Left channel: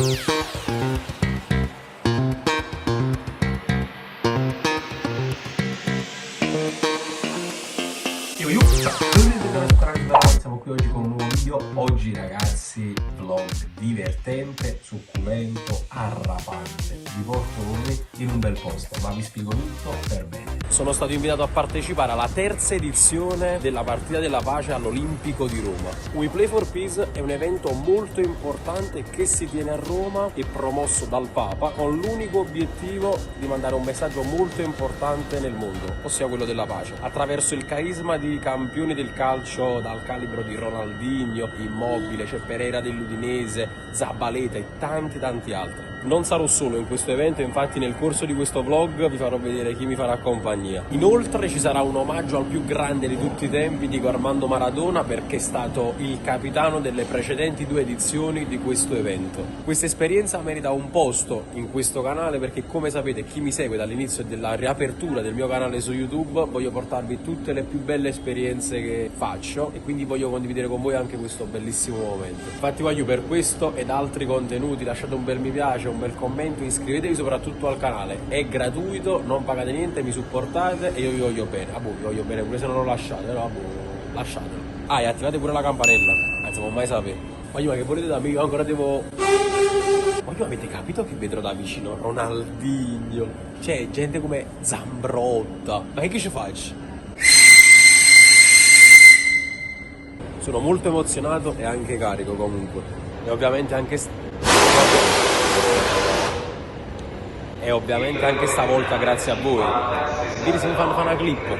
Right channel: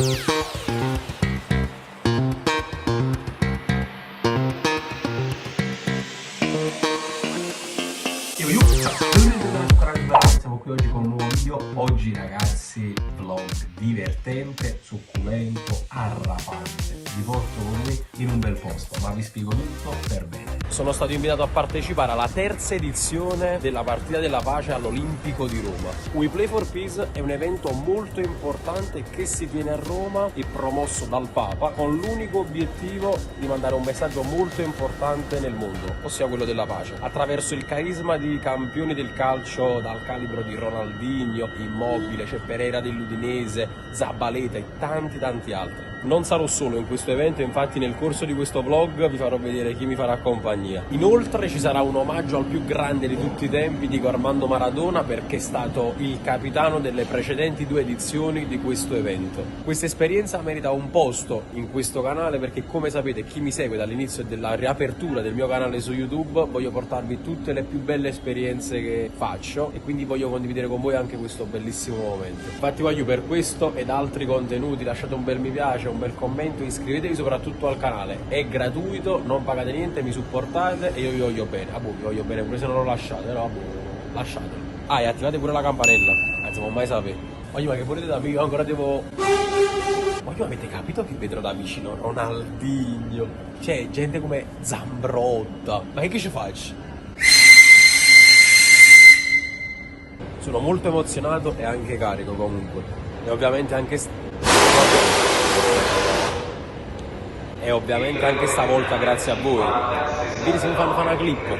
Siamo qui oggi con un nuovo video. Oggi ragazzi, vlog divertente, succulento, arrapante. Vi porto con me in un bel posto, ma vi spiego tutto per bene. Sono stato invitato a partecipare alla terza edizione della Partita della Pace all'Olimpico di Roma. We Play for Peace è un evento molto importante che si tiene a Roma e promosso dal Papa con l'unico obiettivo di mandare un messaggio molto importante nel mondo, ossia quello della pace, attraverso il carisma di campioni del calcio dal calibro di Ronaldinho, Immobile, c'è Pereira dell'Udinese, Zabaleta e tanti altri. Non sarò solo in questo evento, infatti nel corso di questo vlog vi farò vedere chi mi farà compagnia. Inoltre ci sarà un omaggio al più grande di tutti i tempi, Diego Armando Maradona, perché è stato il capitano delle precedenti 2 edizioni di questo evento. Questa esperienza merita un posto in questo canale perché, come sapete, chi mi segue dall'inizio della riapertura del mio canale su YouTube, voglio portarvi tutte le più belle esperienze che faccio e quindi voglio condividere con voi anche questo bellissimo momento. Infatti voglio, per questo ed altri contenuti, lasciate un bel mi piace, un bel commento, iscrivetevi soprattutto al canale, è gratuito, non pagate niente, mi supportate e io vi voglio bene. A voi vi voglio bene pure se non lo lasciate, no? Lasciatelo. Ah, e attivate pure la campanella, non può mai sapere. Ma che volete da me? Io ancora devo... Ma avete capito che vedrò da vicino Ronaldinho? C'è gente come Zambrotta. Ma che ci faccio? Sono molto emozionato e anche carico comunque. E ovviamente anche stavolta grazie a voi. Ieri se mi fanno fare una clip.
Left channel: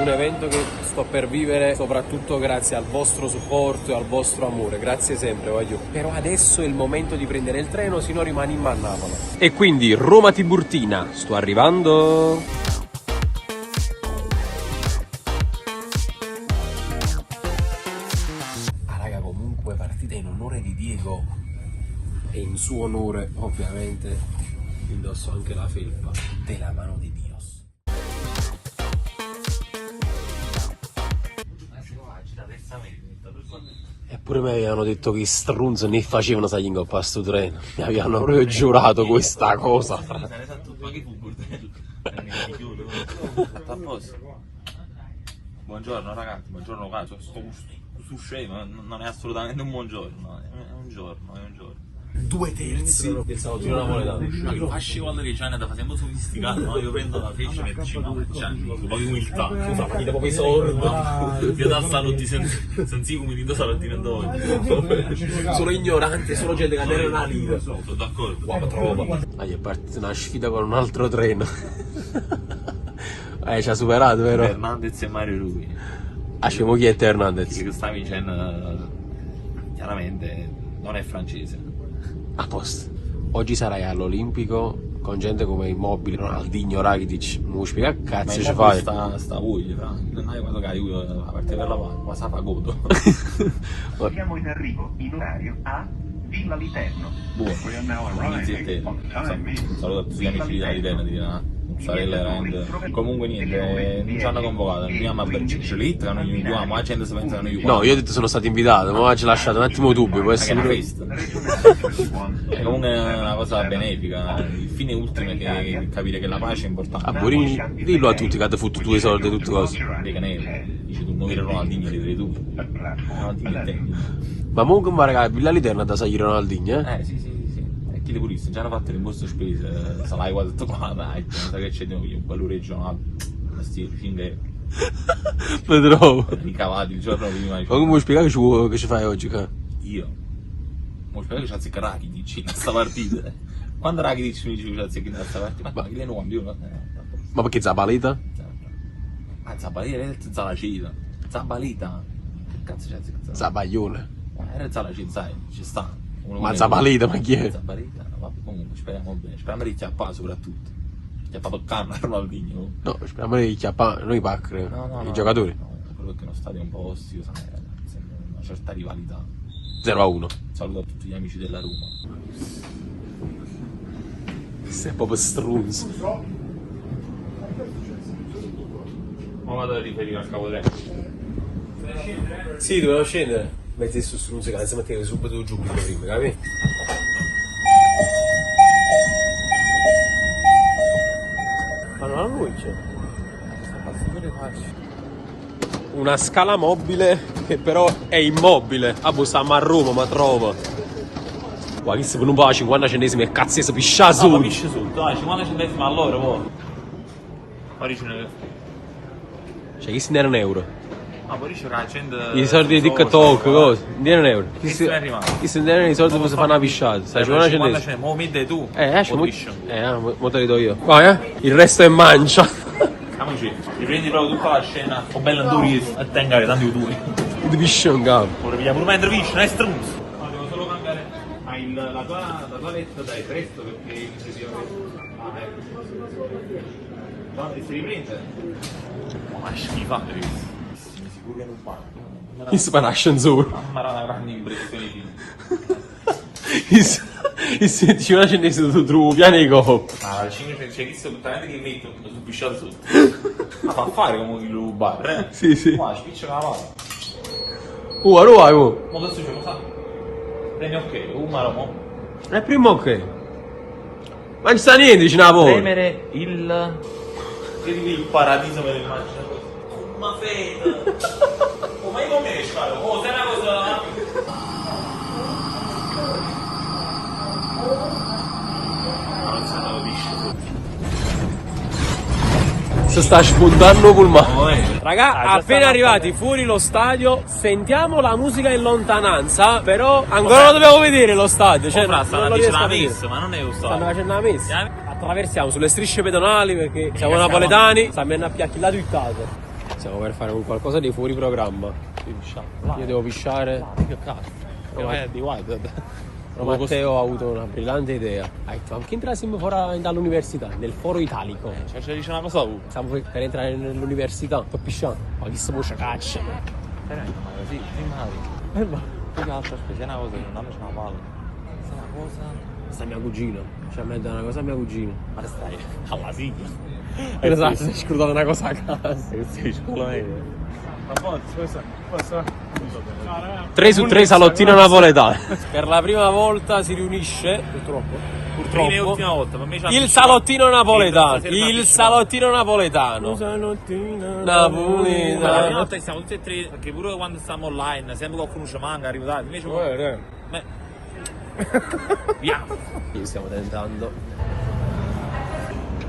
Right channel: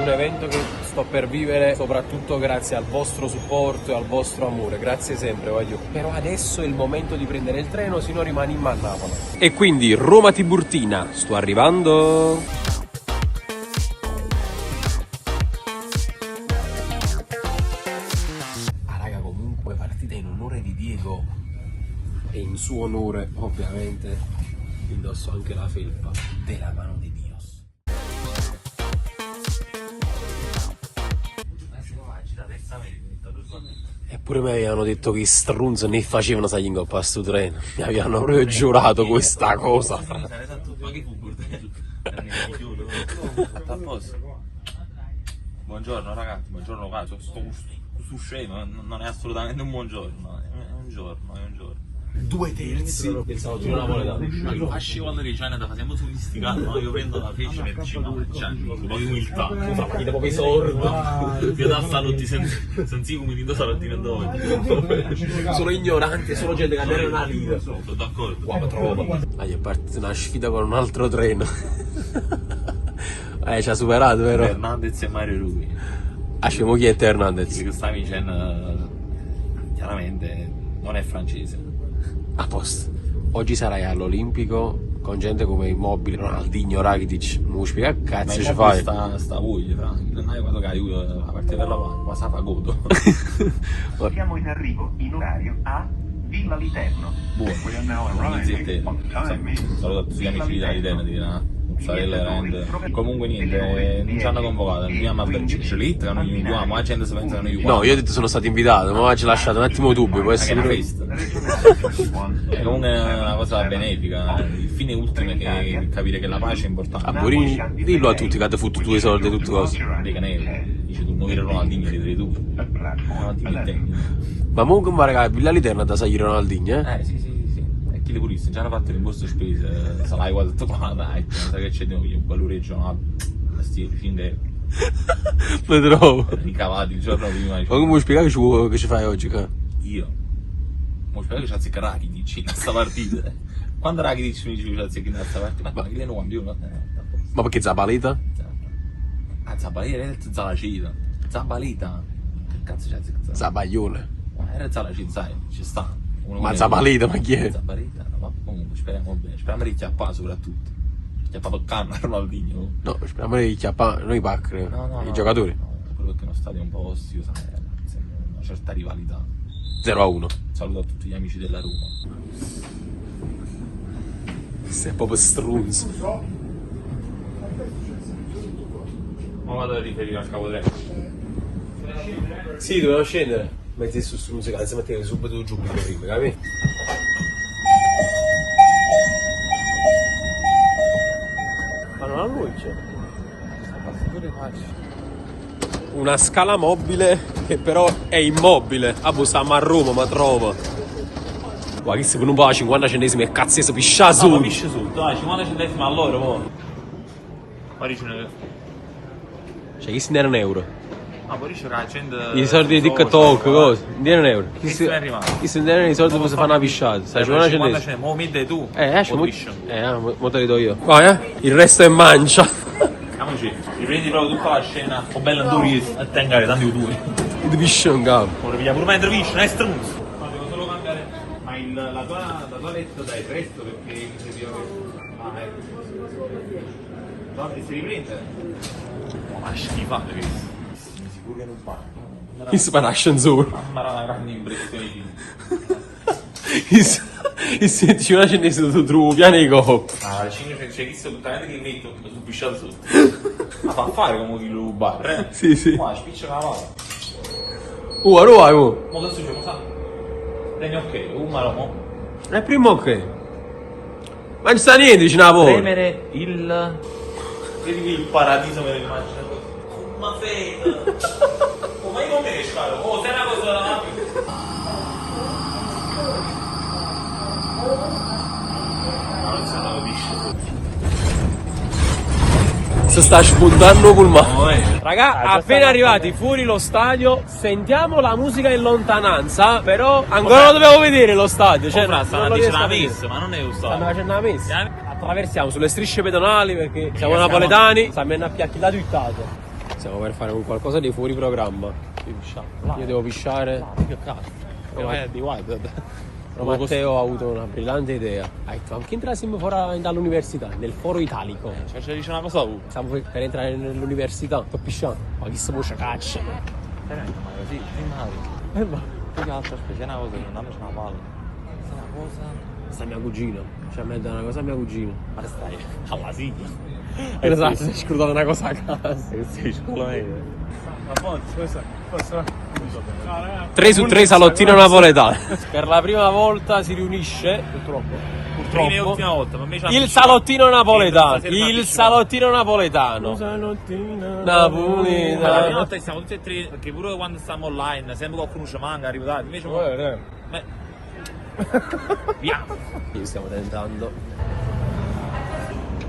Un evento che sto per vivere soprattutto grazie al vostro supporto e al vostro amore. Grazie sempre, voglio. Però adesso è il momento di prendere il treno, se no rimaniamo a Napoli. E quindi Roma Tiburtina, sto arrivando. Partita in onore di Diego e in suo onore ovviamente indosso anche la felpa della mano di Dios. Eppure mi hanno detto che strunzo ne facevano sai in coppa a sto treno, mi avevano proprio giurato questa cosa. Buongiorno ragazzi, buongiorno cazzo, sto scemo, non è assolutamente un buongiorno, è un giorno. 2/3 del salattino napoletano. Ma io facevo alla regione, da facciamo sofisticato, no? Io prendo la freccia nel 5%, un po' di umiltà, Una partita pochi soldi. io da stato tutti senza come di salattino dopo. Sono ignoranti, sono gente che non è una lira. Sono d'accordo. Wow, troppo. È partita una sfida con un altro treno. Ci ha superato, vero? Hernandez e Mario Rui. Ascimo chi è Hernandez? Che sta dicendo, chiaramente non è francese. A posto. Oggi sarai all'Olimpico con gente come Immobile, Ronaldinho, Rakitic. Non mi spiega che cazzo ci fai? Sta voi, non è quando cai la partita della ma sa pagodo. Siamo in arrivo in orario a Villa Viterbo. Sono tutti amici di Viterbo, comunque niente, non ci hanno convocato, non abbiamo aperto ma la gente si pensa che noi. No, io ho detto sono stato invitato, ma ci lasciato un attimo dubbio, può essere una festa. È comunque una cosa benefica, il fine ultimo è che capire che la pace è importante. A Borini, dillo a tutti che hanno fatto 2 soldi e tutte cose. Dei caneli, dice tu muovere Ronaldinho, di tu. Ma comunque ma raga, Villa Literna da sai Ronaldinho, Sì. Che le puriste, già hanno fatto l'imposto spese, sai quanto qua, dai, sai che c'è io, valureggio, no? Stile, fine. Vedrò. Ricavati il giorno prima. Ma come spiegare che ci fai oggi? Io? Mi spiegare che c'è azzecca Rakitic in questa partita. Quando Rakitic mi dice che c'è azzecca in questa partita, ma che lei non campione? Ma perché Zabaleta? Ma Zabaleta è Zalacita. Zabaleta? Che cazzo c'è azzecca? Zabaglione. Era Zalacita, sai, ci sta. Ma Zabaleta, ma chi è? Zabaleta, ma comunque speriamo bene, speriamo di chiappare soprattutto. Chiappare canna Ronaldinho. No, speriamo di chiappare, noi pack, i giocatori. No, quello che è uno stadio un po' ostile, sai, una certa rivalità. 0-1. Saluto a tutti gli amici della Roma. Sei proprio strunzo. Ma vado a riferire al capotreno. Sì, dovevo scendere. Mezzo su strunzo, che la mattina subito giù, capito? una scala mobile che però è immobile. Ah, boh, stiamo a Roma, ma trova. Ma che se non va a 50 centesimi e cazzo si piscia su. No, piscia su, dai, 50 centesimi all'ora, oh. Parigine. Cioè, che si erano euro? Ah, poi dice che la gente... I soldi di TikTok, cosa? Non erano euro. Che se ne è rimasto? Chi se ne erano i soldi per fare una pisciata? Sai, 50 centesimi. Mo mi dai tu. Mo te li do io. Vai, il resto è mancia. Amici, riprendi proprio tutta la scena. Sto bello in due a tagliare tanti utili. Il piscio in capo. Ora vediamo pure mentre piscio, non è struzzo. Ma la tua letta dai presto perché... No, ti si riprende? Ma schifo per questo. Sicuro che non fa. Mi spara ascensore. Ma era una gran impressione. Il 50 centesimi tu trovi piano di copo. Ah, la Cina c'è visto tuttamente che metto sul pisciato su. Ma fa fare come di bar, eh? Sì, sì. Ma spiccia la mano. Ora vai, mo. Ma cosa si fa? Bene, ok, un malamo. È prima ok. Ma non sta niente, c'è una volta. Premere il paradiso per immagine. Ma fena. Ma io non mi riesco a fare. Oh, sei una cosa... Si sta spuntando pulmano. Raga, appena arrivati fuori lo stadio, sentiamo la musica in lontananza, però ancora lo dobbiamo vedere lo stadio, cioè no, stanno facendo la messa, ma non è un stanno stadio. facendo la messa. Attraversiamo sulle strisce pedonali perché siamo napoletani, stiamo a piacchilato il tato. Stiamo per fare un qualcosa di fuori programma. Io devo pisciare. Che cazzo? Di guarda. Però Matteo ha avuto una brillante idea. Ha detto, anche entrassimo fuori dall'università, nel foro italico. Cioè dice una cosa tu. Stiamo per entrare nell'università, sto pisciando. Ma chi si può caccia? Ma così, prima Ma più che altro aspetta, è una cosa che non c'è una palla. È una cosa. sta mia cugina. Cioè, mi ha dato una cosa a mia cugina. Ma stai alla sigla. Esatto, si è scrutato una cosa a casa. Che sei scuola 3 su 3 salottino napoletano. Per la prima volta si riunisce. Prima e ultima volta, ma invece Il salottino napoletano. Il salottino napoletano. la prima Napoletano. volta siamo tutti e tre, perché pure quando stiamo online, sempre qualcuno ci manca, arrivato, invece via. Stiamo tentando.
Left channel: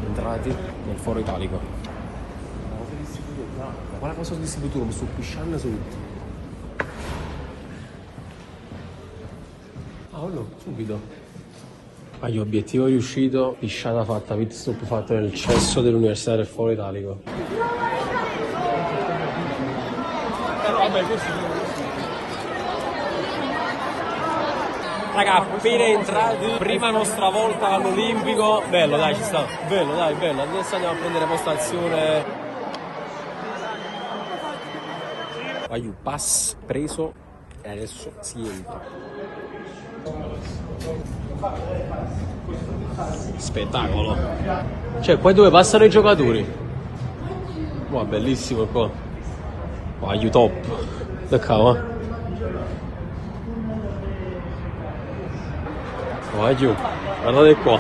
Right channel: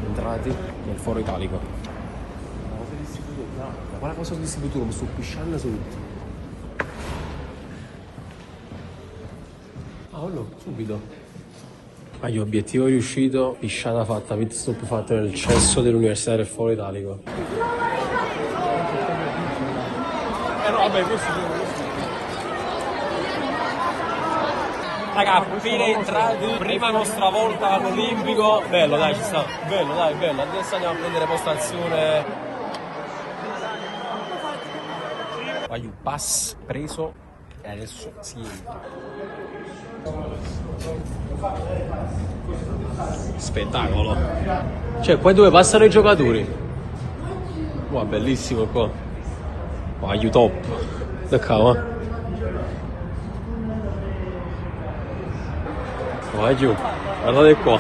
Entrati nel foro italico. Una cosa distribuita, Quale cosa di distributore? Mi sto pisciando sotto. Ah, subito. Agli obiettivo riuscito, pisciata fatta, pit stop fatto nel cesso dell'Università del Foro Italico. Raga, appena entrati, prima nostra volta all'Olimpico. Bello dai, ci sta. Bello dai, bello. Adesso andiamo a prendere postazione. Aiu, pass preso e adesso si entra. Spettacolo. Cioè, qua dove passano i giocatori. Wow, bellissimo qua. Aiu, top. Toccava. Aiu, ma non è qua.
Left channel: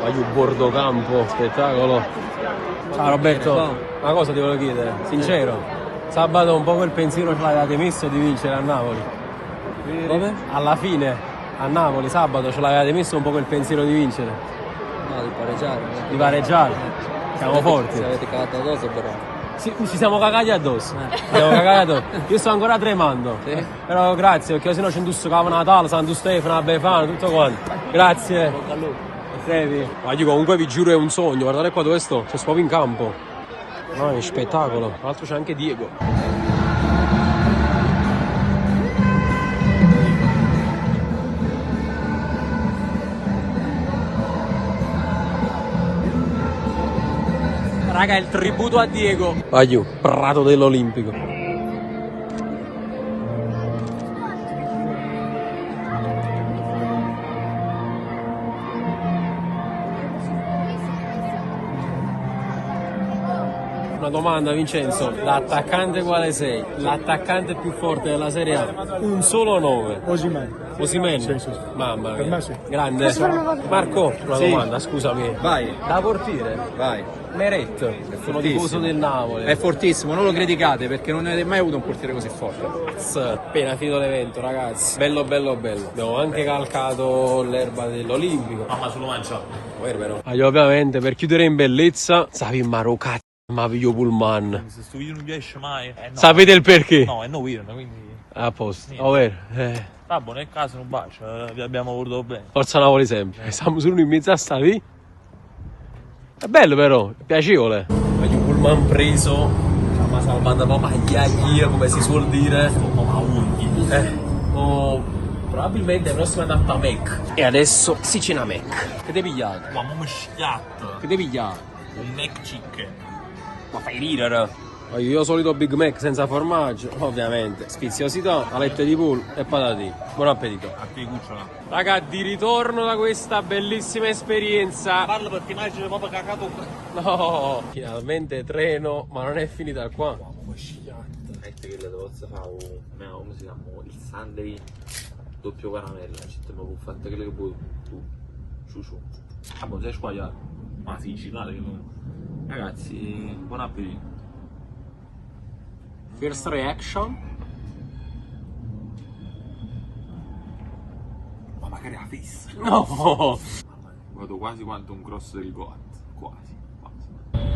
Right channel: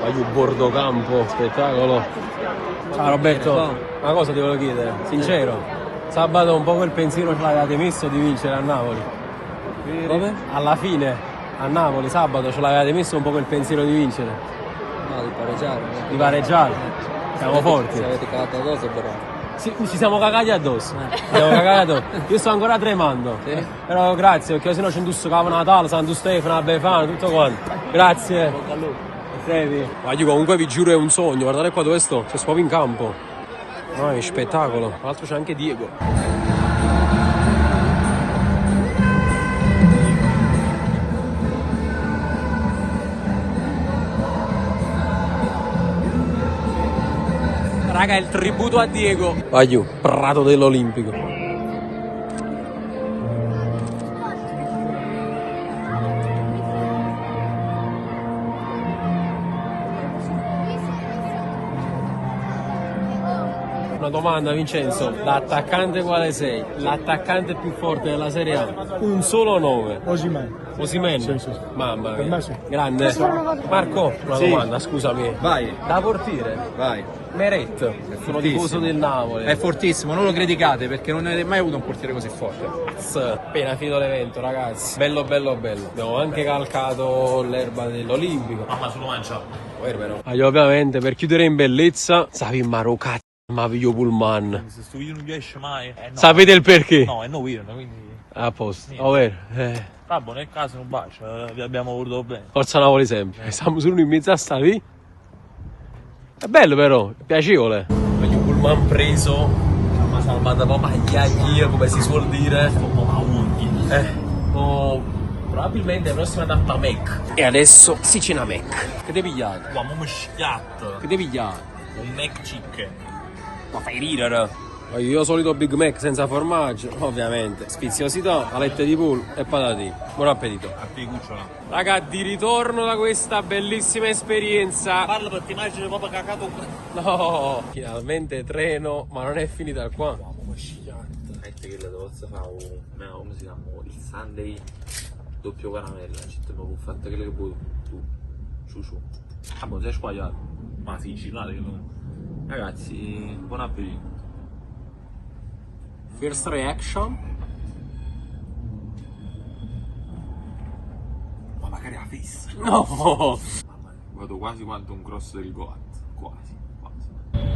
Voglio un bordocampo, spettacolo. Ciao Roberto, una cosa ti volevo chiedere, sincero, sabato un po' quel pensiero ce l'avevate messo di vincere a Napoli? Dove? Alla fine, a Napoli, sabato ce l'avevate messo un po' quel pensiero di vincere? No, di pareggiare. Di pareggiare? Siamo forti. Ci avete cagato addosso però. Sì, ci siamo cagati addosso. Ci siamo cagati addosso. Io sto ancora tremando. Sì. Però grazie, perché sennò c'è indusso Capo Natale, Santo Stefano, Befano, tutto quanto. Grazie. Ma io comunque vi giuro è un sogno, guardate qua dove sto, c'è proprio in campo. Ah, è spettacolo. Tra l'altro c'è anche Diego. Raga, è il tributo a Diego. Aiù, prato dell'Olimpico. una domanda Vincenzo, l'attaccante quale sei? L'attaccante più forte della Serie A? Un solo nome. Osimhen? Sì, sì. Mamma mia. Sì. Grande. Marco, una Sì. domanda, scusami. Vai, Da portiere, vai. Meret, sono fortissimo. tifoso del Napoli. È fortissimo, non lo criticate perché non avete mai avuto un portiere così forte. Appena finito l'evento, ragazzi. Bello, bello, bello. Abbiamo anche calcato l'erba dell'Olimpico. Mamma sono mangiato. Ovviamente, per chiudere in bellezza, stavi in Marocco, ma video pullman. Questo video non riesce mai. No. Sapete il perché? No, è no weird, quindi. A posto, ovvero. Vabbè, nel caso un bacio, vi abbiamo voluto bene. Forza Napoli sempre. Stiamo solo in mezzo a sta lì. È bello però, è piacevole. Voglio pullman preso, una salvata proprio come si suol dire. Probabilmente la prossima tappa Mac. E adesso si cena Mac. Che devi pigliare? Uomo mischiato. Che devi pigliare? Un Mac chicken. Ma fai ridere. Io solito Big Mac senza formaggio, ovviamente. Sfiziosità, alette di pollo e patatine. Buon appetito. A te cucciola. Raga, di ritorno da questa bellissima esperienza. Parlo perché noi ci siamo cagato. No, finalmente treno, ma non è finita qua. Come si chiama? Il Sunday doppio caramella. Ci abbiamo fatto quello che vuoi tu. Ciu. Ah, ma sei sbagliato. Ma sì, ci vale che lo. Ragazzi, buon appetito. First reaction. Ma magari la fissa. No! Vado quasi quanto un cross del Goat. Quasi.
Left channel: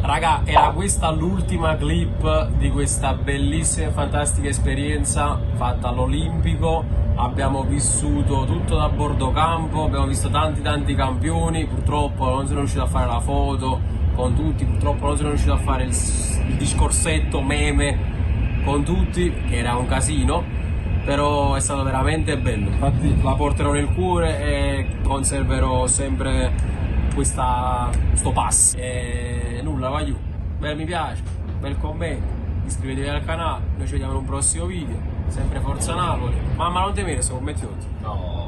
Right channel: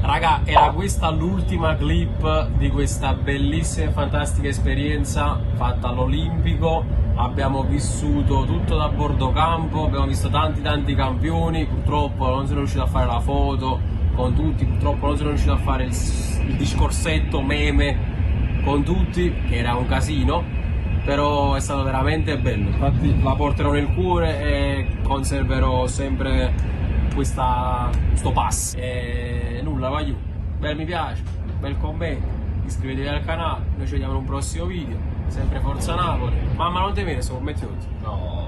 Raga, era questa l'ultima clip di questa bellissima e fantastica esperienza fatta all'Olimpico. Abbiamo vissuto tutto da bordo campo, abbiamo visto tanti campioni, purtroppo non sono riuscito a fare la foto con tutti, purtroppo non sono riuscito a fare il discorsetto meme con tutti, che era un casino, però è stato veramente bello. Infatti la porterò nel cuore e conserverò sempre questo pass. E nulla, voglio bel mi piace, bel commento, iscrivetevi al canale, noi ci vediamo in un prossimo video, sempre Forza Napoli. Mamma non temere, sono commenti tutti. No.